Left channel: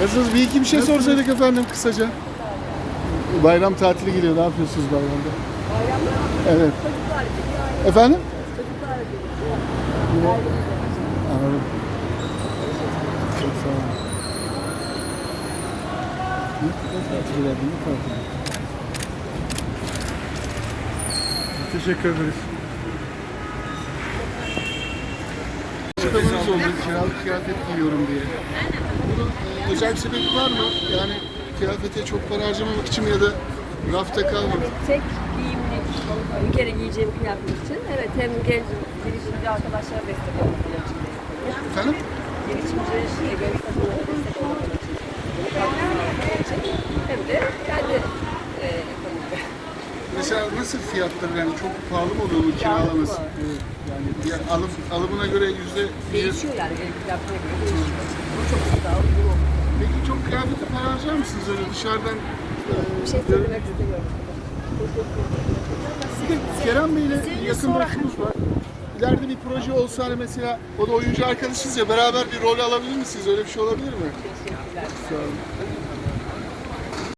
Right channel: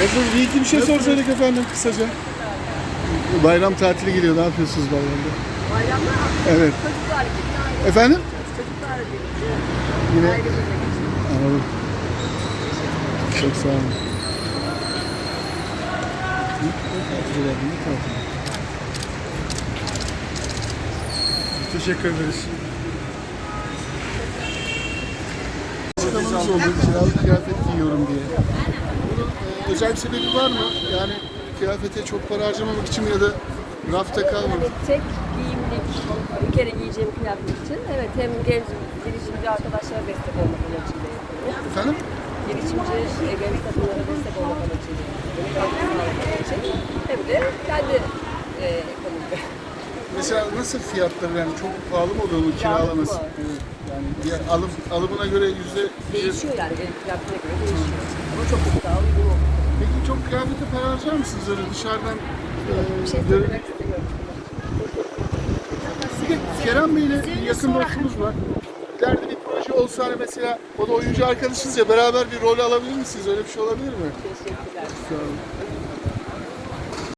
Nasılsınız? Bir iki bir şey sorsaydık efendim kısaca. Bayram tatili geliyor. Ne yapıyorsunuz bayramda? Bayramda Evet. çocuklar birlikte. Efendim? Çocuklar birlikte Yine anladım. Çok sağ olun. Tatil var? Ne tatil? Teşekkür ederiz. Kıyafet giyiyorum diye. Özel bir sebebi var mı? Yani kıyafete çok para harcamamak için ya da rafta kalmamak. Hani tek giyimlik bir kere giyeceğim kıyafet için evet hem genç girişimci arkadaşlara destek olmak amacıyla. Efendim? Girişimci genç kadınlara destek olmak amacıyla hem de kendi e, ekonomide. Mesela nasıl fiyatlar yani çok pahalı mı oluyor kiralaması? pahalı. Evet. Yani diğer alım, alımına göre yüzde Değişiyor yani fiyatına göre değişiyor. Ama çok çok daha kıyafete para harcar mısınız öyle dışarıdan? Bir şey söylemek istemiyorum. Kerem Bey'le yakın dostumuz var. İleride bir proje olsa hani mesela o da oyuncu arkadaşınız ya beraber bir rol alabilir misiniz? Öyle bir şey olabilir mi? Teşekkürler. Sağ olun.